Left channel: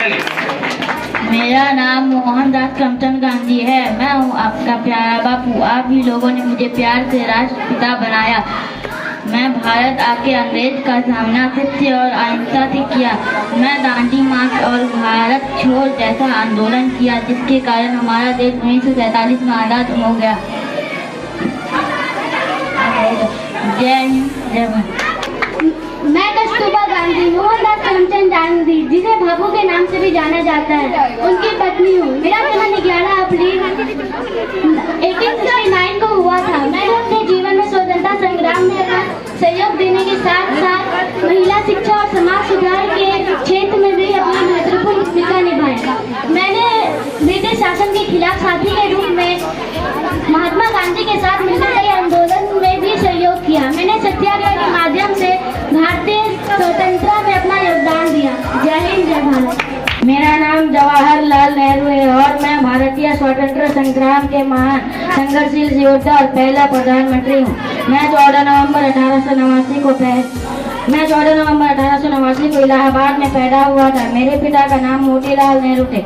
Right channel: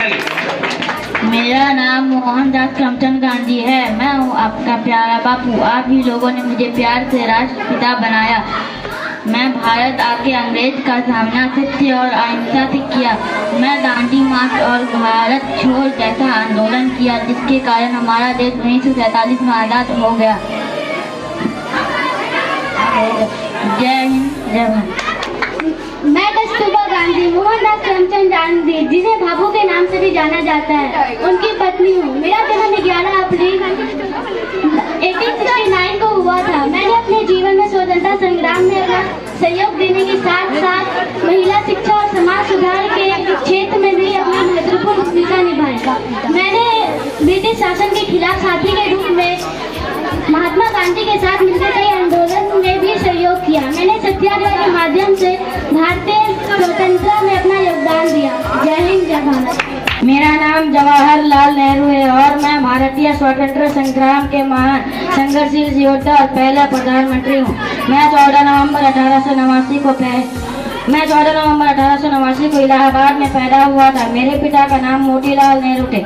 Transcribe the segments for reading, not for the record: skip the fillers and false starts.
मेरा नाम मोहनदास करमचंद गांधी है। मैं हूँ आपका प्यारा बापू। आप ही लोगों ने मुझे प्यार से राष्ट्रपिता बनाया। मैं भारत आके अंग्रेज का सामना सत्य और अहिंसा से किया। मैं दांडी मार्च और भारत छोड़ जैसा आंदोलन किया, जिसके कारण हमारा देश 1947 में आज़ाद हो गया। जय हिंद, जय भारत। मैं कस्तूरबा गांधी, मोहनदास करमचंद गांधी, जिसे बापू के नाम से भी जाना जाता है, उनकी पत्नी हूँ। मेरा जन्म 11 अप्रैल 1869 को हुआ था। मैंने अपने जीवन में स्वतंत्रता संग्राम में सहयोग देने के साथ साथ महिला शिक्षा और समाज सुधार के क्षेत्र में भी अपनी महत्वपूर्ण भूमिका निभाई। मैंने ब्रिटिश शासन के खिलाफ साथी के रूप में महात्मा गांधी के साथ मिलकर कई आंदोलन में भी सहयोग किया। मैंने सत्याग्रह के माध्यम से भारतीय स्वतंत्रता में अपना योगदान दिया। जय हिंद, जय भारत। मेरा नाम जवाहरलाल नेहरू है और मैं भारतीय स्वतंत्रता संग्राम के महान संघर्षशील योद्धा और पहला प्रधानमंत्री हूँ। मैं 14 नवंबर 1889 को इलाहाबाद में पैदा हुआ था। मेरे पिता का नाम मोतीलाल नेहरू थे,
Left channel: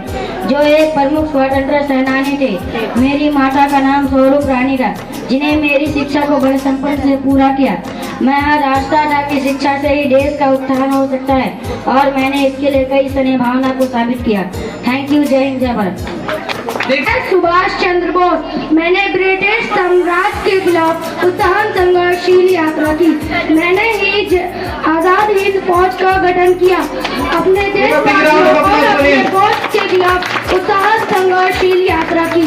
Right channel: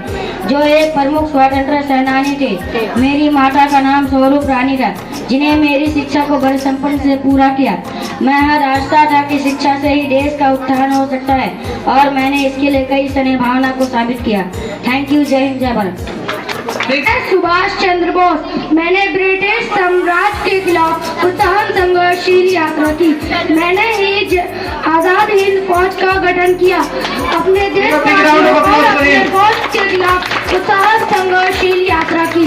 जो एक प्रमुख स्वतंत्रता सेनानी थे। मेरी माता का नाम स्वरूप रानी था, जिन्हें मेरी शिक्षा को बड़े संपन्न से पूरा किया। मैं हर आस्था था कि शिक्षा से ही देश का उत्थान हो सकता है, और मैंने इसके लिए कई सने भावना को साबित किया। Thank you. जय हिंद, जय भारत। सुभाष चंद्र बोस। मैंने ब्रिटिश साम्राज्य के खिलाफ उत्थान संघर्षशील यात्रा की। मैंने ही आजाद हिंद फौज का गठन किया। अपने देश फौज के खिलाफ उत्थान संघर्षशील यात्रा की।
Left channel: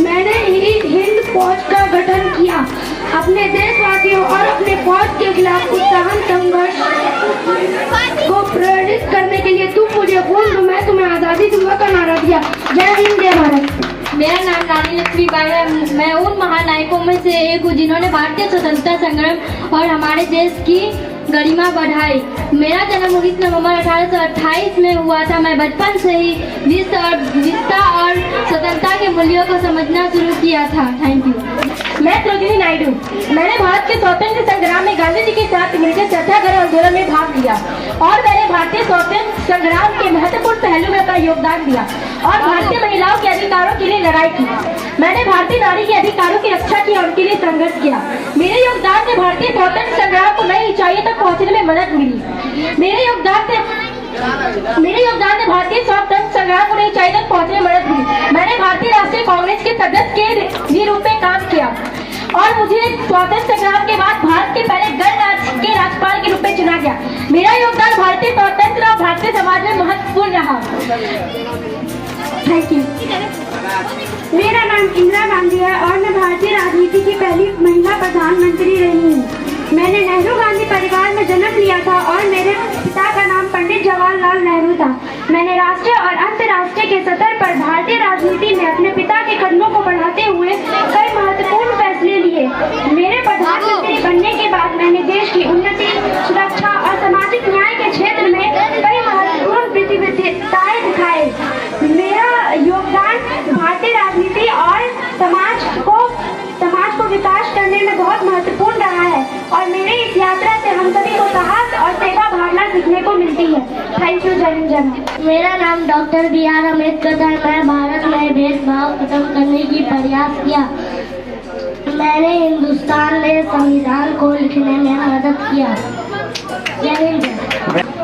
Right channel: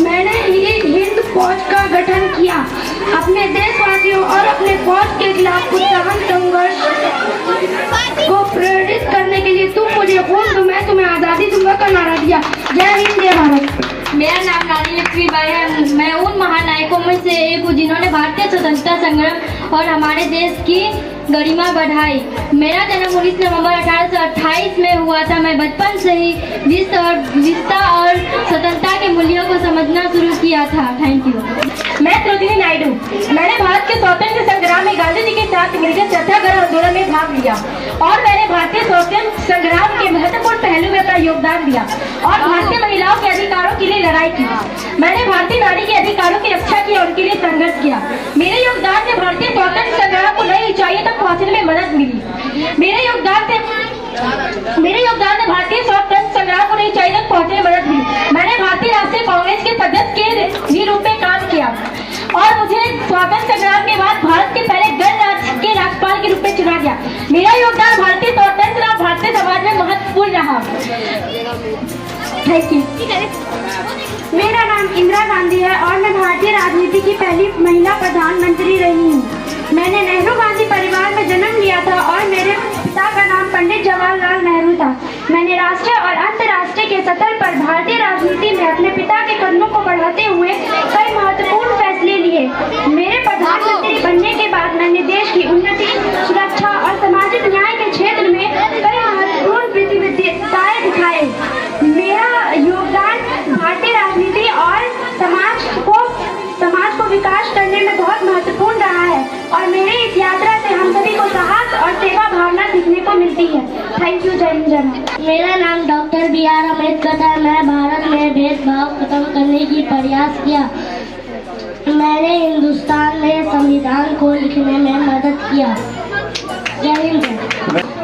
मैंने ही हिंद फौज का गठन किया। अपने देशवासियों और अपने फौज के खिलाफ उत्थान संघर्ष को प्रेरित करने के लिए तुम मुझे खून दो, मैं तुम्हें आजादी दूंगा का नारा दिया। जय हिंद, जय भारत। मेरा नाम रानी लक्ष्मीबाई है। मैं उन महानायकों में से एक हूँ जिन्होंने भारतीय स्वतंत्रता संग्राम और हमारे देश की गरिमा बढ़ाई। मेरा जन्म 19 नवंबर 1828 में हुआ था। मैं बचपन से ही विविधता और स्वतंत्रता के मूल्यों को समझना शुरू किया था। Thank you. मैं सरोजिनी नायडू। मैंने भारत के स्वतंत्र संग्राम में गांधी जी के साथ मिलकर सत्याग्रह आंदोलन में भाग लिया, और मैंने भारतीय स्वतंत्र संग्राम के महत्वपूर्ण पहलू में अपना योगदान दिया और भारतीय महिलाओं के अधिकारों के लिए लड़ाई की। मैंने भारतीय नारी के अधिकारों की रक्षा की और उनके लिए संघर्ष किया। मेरे योगदान से भारतीय स्वतंत्र संग्राम को नई ऊंचाइयों तक पहुंचने में मदद मिली। मेरे योगदान से भारतीय स्वतंत्र संग्राम को नई ऊंचाई तक पहुंचने में मदद मिली। मैंने भारतीय राष्ट्रीय कांग्रेस के सदस्य के रूप में काम किया, और मुझे स्वतंत्र संग्राम के बाद भारत के पहले गणराज्य के राज्यपाल के रूप में चुना गया। मेरा योगदान भारतीय स्वतंत्र और भारतीय समाज में महत्वपूर्ण रहा। Thank you. मेरा नाम इंदिरा गांधी है और मैं भारतीय राजनीति की पहली महिला प्रधानमंत्री रही हूँ। मैंने नेहरू गांधी परिवार में जन्म लिया था और मेरे पिता का नाम पंडित जवाहरलाल नेहरू था। मैंने राष्ट्रीय और अंतर्राष्ट्रीय के स्तर पर भारतीय राजनीति में अपने पिता के कदमों को बढ़ाते हुए कई महत्वपूर्ण फैसले लिए। मेरे प्रधानमंत्री बनने के बाद मैंने देश की उन्नति, सुरक्षा और सामाजिक न्याय के क्षेत्र में कई महत्वपूर्ण प्रतिबद्धताएं दिखाए। मेरा योगदान भारतीय राजनीति और समाज को विकास करने में बहुत महत्वपूर्ण रहा है, और मेरी इस यात्रा से हम सभी को साहस और सेवा भावना सीखने को मिलती है। Thank you. जय हिंद, जय भारत। मेरा नाम डॉक्टर B.R. अम्बेडकर है। मैं भारत में भेदभाव खत्म करने की प्रयास किया। मैंने हिंदुस्तान में संविधान को लिखने में मदद किया। जय हिंद।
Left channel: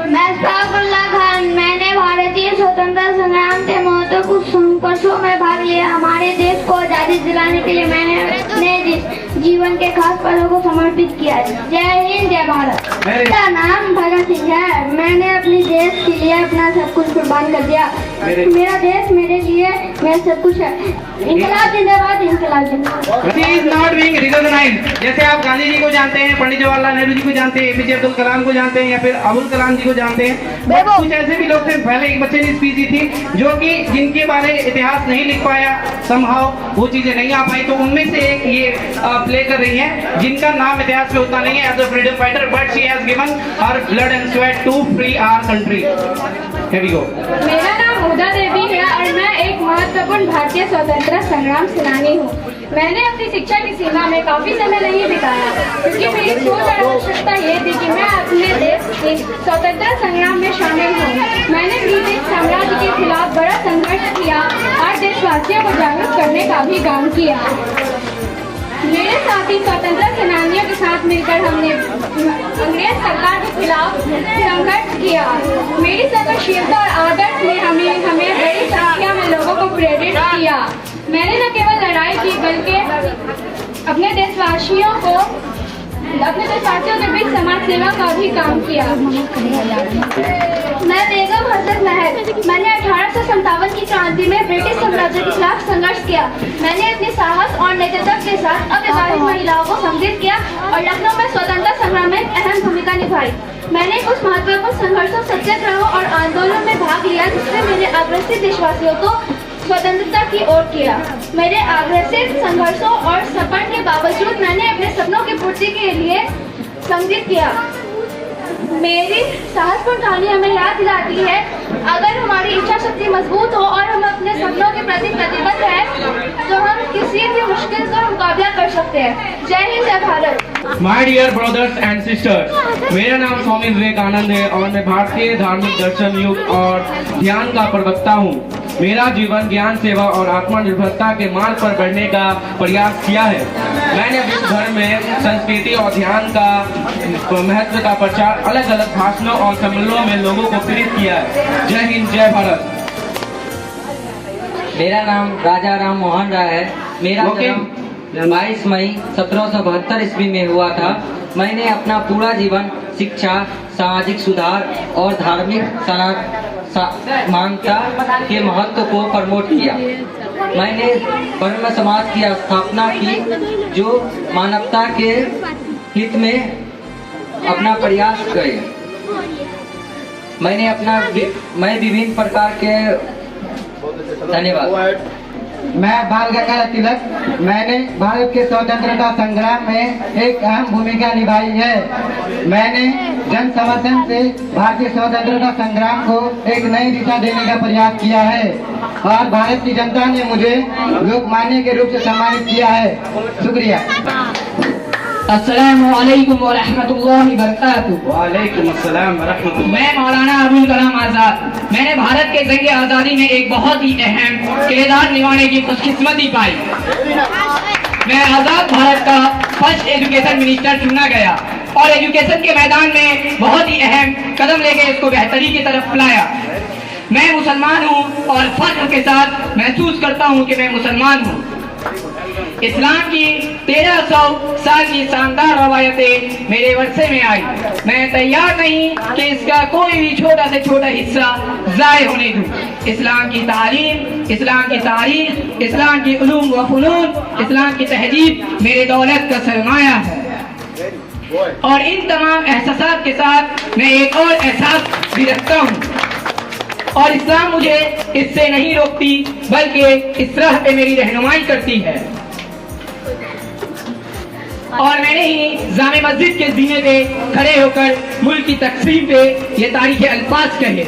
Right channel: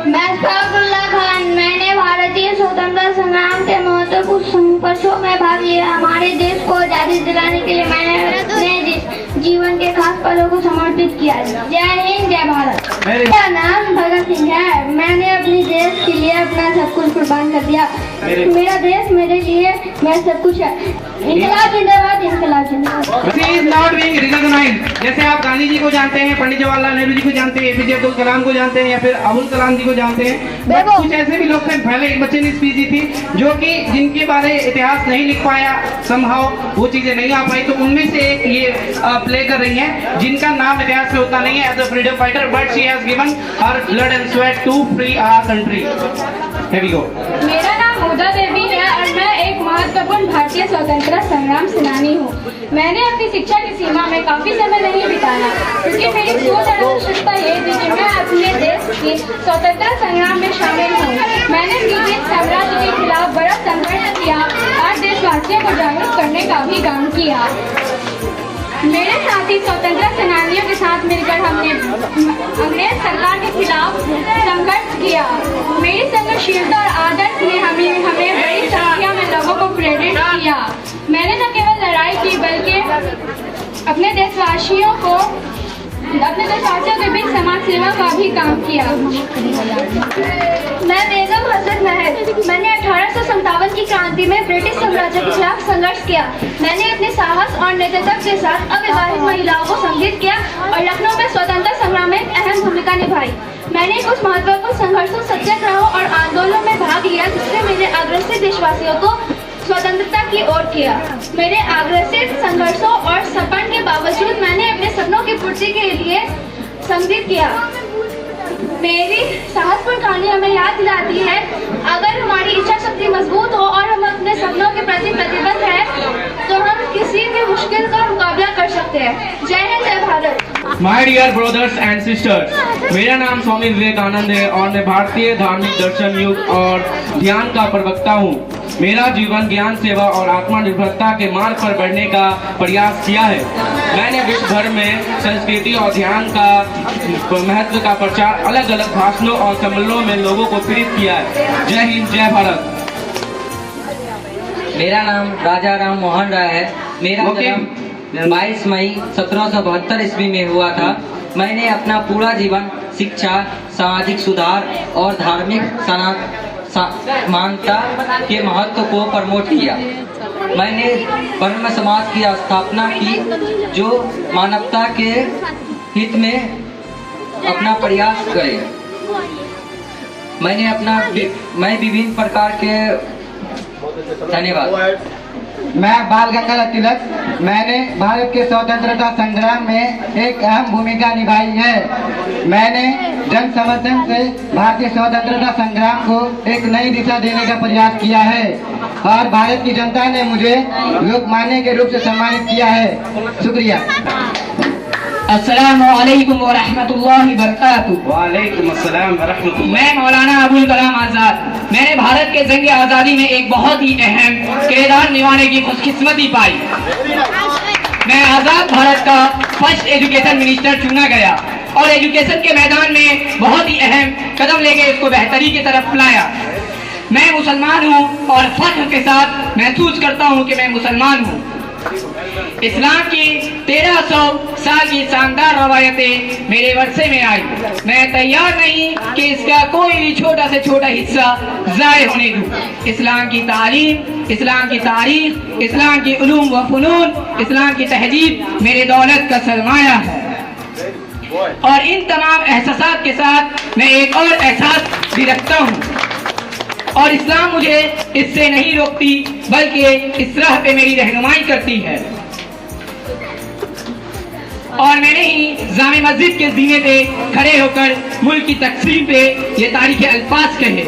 मैं सफरुल्लाह खान। मैंने भारतीय स्वतंत्रता संग्राम के महत्वपूर्ण संघर्षों में भाग लिया। हमारे देश को आजादी दिलाने के लिए मैंने अपने जीवन के खास पलों को समर्पित किया। जय हिंद, जय भारत। मेरा नाम भगत सिंह है। मैंने अपने देश के लिए अपना सब कुछ कुर्बान कर दिया। मेरा देश मेरे लिए मैं सब कुछ है। इनकलाब जिंदाबाद, इनकलाब जिंदाबाद। जैसे आप गांधी जी को जानते हैं, पंडित जवाहरलाल नेहरू जी को जानते हैं, APJ अब्दुल कलाम को जानते हैं, या फिर अबुल कलाम जी को जानते हैं, कुछ ऐसे भी लोग थे। पहले एक बच्चे ने स्पीच दी थी जो कि जिनके बारे इतिहास नहीं लिख पाया, समहाउ वो चीजें नहीं आ पाई, तो उनमें से एक ये प्ले कर रही हैं, जिनका नाम इतिहास में होता नहीं है as a freedom fighter, but she has given her blood and sweat to free our country. Here we go. मेरा नाम हुदा देवी है और मैं एक महत्वपूर्ण भारतीय स्वतंत्रता संग्राम सेनानी हूँ। मैंने अपनी शिक्षा की सीमा में काफी समय नहीं बिताया, क्योंकि मेरी सोच और आवश्यकता ये थी कि मैं अपने देश के स्वतंत्रता संग्राम में शामिल हूँ। मैंने ब्रिटिश साम्राज्य के खिलाफ बड़ा संघर्ष किया और देशवासियों को जागरूक करने का भी काम किया। मेरे साथी स्वतंत्रता सेनानियों के साथ मिलकर हमने अंग्रेज सरकार के खिलाफ संघर्ष किया। मेरी सहनशीलता और आदर्श ने हमें बड़ी संख्या में लोगों को प्रेरित किया। मैंने न केवल लड़ाई की बल्कि अपने देशवासियों के बीच समाज सेवा का भी काम किया। मैं बेगम हसन महल, मैंने 1857 की क्रांति में ब्रिटिश साम्राज्य के खिलाफ संघर्ष किया। मैंने अपने साहस और नेतृत्व के साथ अविवाहित महिलाओं को संगठित किया और लखनऊ में स्वतंत्रता संग्राम में अहम भूमिका निभाई। मैंने कुछ महत्वपूर्ण संघर्षों, सत्याग्रहों और आंदोलनों में भाग लिया, जिससे मेरे अग्रसित देशवासियों को स्वतंत्रता की ओर किया। मेरे अग्रसित संघर्षों और सपन के बावजूद मैंने अपने सपनों की पूर्ति के लिए संघटित किया। मेरी साहसपूर्ण कहानी हमें याद दिलाती है, अगर हमारी इच्छा शक्ति मजबूत हो और हम अपने सपनों के प्रति प्रतिबद्ध हैं, तो हम किसी भी मुश्किल का मुकाबला कर सकते हैं। जय हिंद, जय Bharat. My dear brothers and sisters, मेरा नाम स्वामी विवेकानंद है और मैं भारतीय धार्मिक दर्शन, युग और ध्यान का प्रवक्ता हूँ। मेरा जीवन ज्ञान, सेवा और आत्मनिर्भरता के मार्ग पर बढ़ने का प्रयास किया है। मैंने विश्व भर में संस्कृति और ध्यान का महत्व का प्रचार अलग अलग भाषणों और सम्मेलनों में लोगों को प्रेरित किया है। जय हिंद, जय भारत। मेरा नाम राजा राम मोहन राय है। मेरा जन्म 22 मई 1772 ईस्वी में हुआ था। मैंने अपना पूरा जीवन शिक्षा, सामाजिक सुधार और धार्मिक समानता के महत्व को प्रमोट किया। मैंने ब्रह्म समाज की स्थापना की, जो मानवता के हित में अपना प्रयास करे। मैं विभिन्न प्रकार के धन्यवाद। मैं बाल गंगाधर तिलक, मैंने भारत के स्वतंत्रता संग्राम में एक अहम भूमिका निभाई है। मैंने जन समर्थन से भारतीय स्वतंत्रता संग्राम को एक नई दिशा देने का प्रयास किया है और भारत की जनता ने मुझे लोकमान्य के रूप से सम्मानित किया है। शुक्रिया। अस्सलामु अलैकुम व रहमतुल्लाहि व बरकातुहू। वालेकुम अस्सलाम व रहमतुल्लाह। मैं मौलाना अबुल कलाम आजाद। मैंने भारत के जंग आज़ादी में एक बहुत ही अहम किरदार निभाने की खुशकिस्मती पाई। मैं आज़ाद भारत का फर्स्ट एजुकेशन मिनिस्टर चुना गया और एजुकेशन के मैदान में बहुत ही अहम कदम लेके इसको बेहतरी की तरफ लाया। मैं मुसलमान हूँ और फख्र के साथ महसूस करता हूँ कि मैं मुसलमान हूँ। इस्लाम की 1300 साल की शानदार रवायतें मेरे वर्षे में आई। मैं तैयार नहीं कि इसका कोई भी छोटा से छोटा हिस्सा जाये होने दूं। इस्लाम की तालीम, इस्लाम की तारीख, इस्लाम की उलूम व फनून, इस्लाम की तहजीब मेरे दौलत का सरमाया है। और इन तमाम एहसास के साथ मैं एक और एहसास भी रखता हूँ और इस्लाम मुझे इससे नहीं रोकती, बल्कि इस राह पे मेरी रहनुमाई करती है। और मैंने ही जामे मस्जिद के जीने पे खड़े होकर मुल्क की तकसीम पे ये तारीख अल्फाज कहे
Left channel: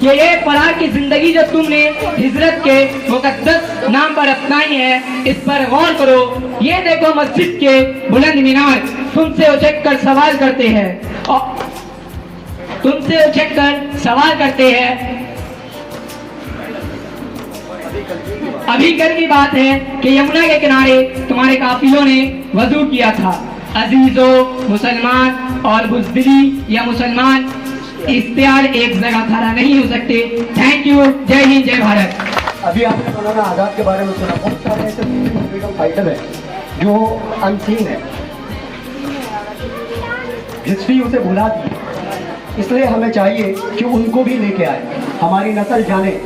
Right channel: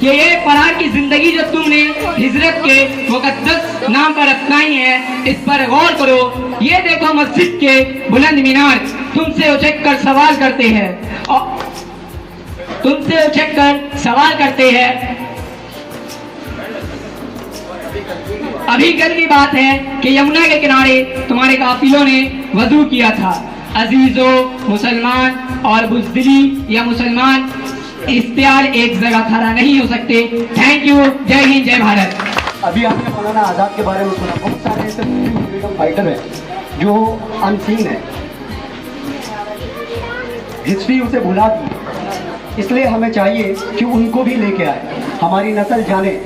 कि ये फरार की जिंदगी जो तुमने हिजरत के मुकद्दस नाम पर अपनाई है, इस पर गौर करो। ये देखो मस्जिद के बुलंद मीनार तुमसे उछक कर सवाल करते हैं और तुमसे उछक कर सवाल करते हैं। अभी कल की बात है कि यमुना के किनारे तुम्हारे काफिलों ने वजू किया था। अजीजो, मुसलमान और बुज़दिली या मुसलमान इख्तियार एक जगह खड़ा नहीं हो सकते। Thank you. जय हिंद, जय भारत। अभी आपने मौलाना आजाद के बारे में सुना। बहुत सारे ऐसे फ्रीडम फाइटर हैं जो अनसीन है, हिस्ट्री उसे भुला दी। इसलिए हमें चाहिए कि उनको भी लेके आए, हमारी नस्ल जाने।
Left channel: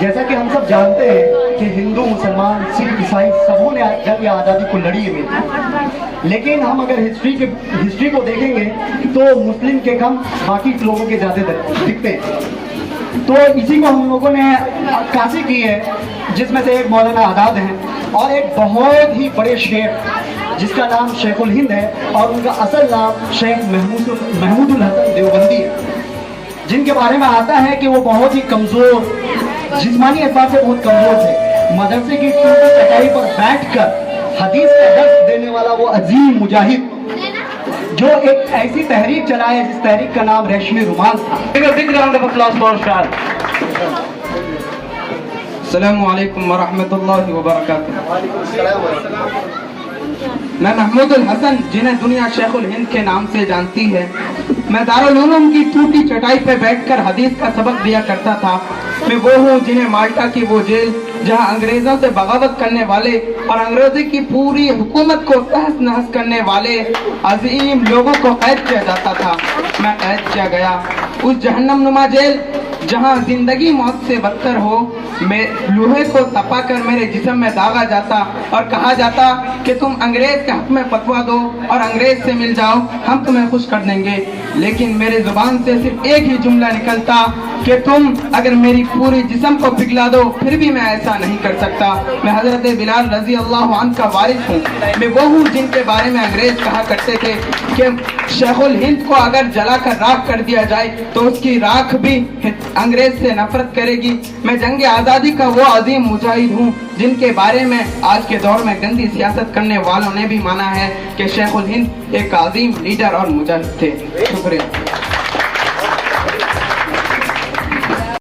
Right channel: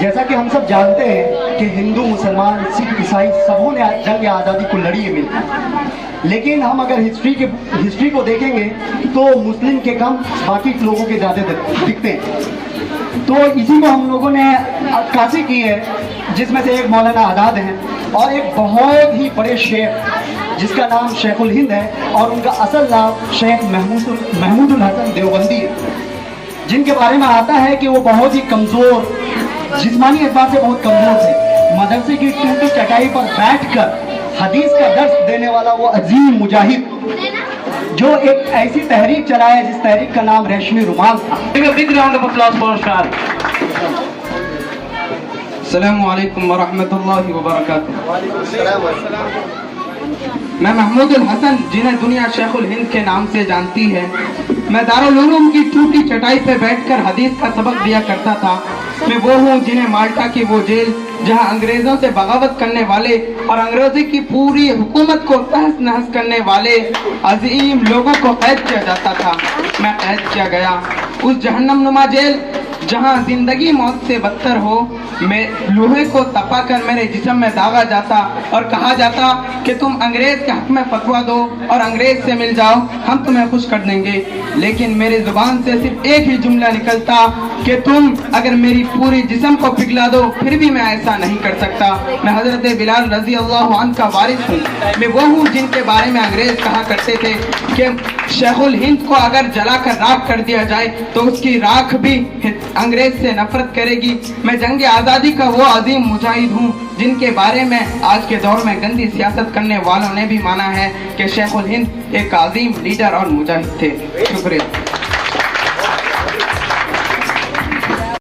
जैसा कि हम सब जानते हैं कि हिंदू, मुसलमान, सिख, ईसाई सबों ने जंग आज़ादी को लड़ी है मिलकर। लेकिन हम अगर हिस्ट्री को देखेंगे तो मुस्लिम के कम बाकी लोगों के ज़्यादा दिखते हैं। तो इसी को हम लोगों ने अक्कासी की है, जिसमें से एक मौलाना आज़ाद हैं और एक बहुत ही बड़े शेख जिसका नाम शेखुल हिंद है और उनका असल नाम शेख महमूदुल हसन देवबंदी है, जिनके बारे में आता है कि वो बहुत ही कमज़ोर जिस्मानी एतबार से बहुत कमजोर थे। मदरसे की टूटी चटाई पर बैठकर हदीस का दर्स देने वाला वो अजीम मुजाहिद जो एक ऐसी तहरीक चलाया जिस तहरीक का नाम रेशमी रुमाल था। Big round of applause for उस्ताद। अस्सलामु अलैकुम व रहमतुल्लाहि व बरकातुहू। मैं महमूदुल हसन, जिन्हें दुनिया शेखुल हिंद के नाम से जानती है, मैं दारुल उलूम की टूटी चटाई पर बैठकर हदीस का सबक दिया करता था। मैं वो हूँ जिन्हें माल्टा की वो जेल जहाँ अंग्रेजों से बगावत करने वाले और अंग्रेजी की पूरी हुकूमत को तहस नहस करने वाले अजीम लोगों को कैद किया जाता था, मैं कैद किया गया। उस जहन्नम नुमा जेल जहाँ जिंदगी मौत से बदतर हो, मैं लोहे को तपाकर मेरे जिस्म में दागा जाता और कहा जाता कि तुम अंग्रेज के हक में फतवा दो और अंग्रेज से मिल जाओ, हम तुम्हें खुश कर देंगे। लेकिन मेरी जुबान से सिर्फ एक ही जुमला निकलता कि तुम अगर मेरी पूरी जिस्म को पिघला दो फिर भी मैं ऐसा नहीं कर सकता। मैं हजरत बिलाल रजी अल्लाह अन्हु का वारिस हूँ। मैं वो हूँ जिनके बारे में अंग्रेज कहा करते थे कि शेखुल हिंद को अगर जलाकर राख कर दिया जाए तो उसकी राख भी अंग्रेज से नफरत करेगी। मैं जंग आज़ादी का वो अजीम मुजाहिद हूँ जिनके बारे में आज के दौर में गंदी सियासत करने वालों ने भी माना है कि शेखुल हिंद एक अजीम लीडर और मुजाहिद थे। शुक्रिया।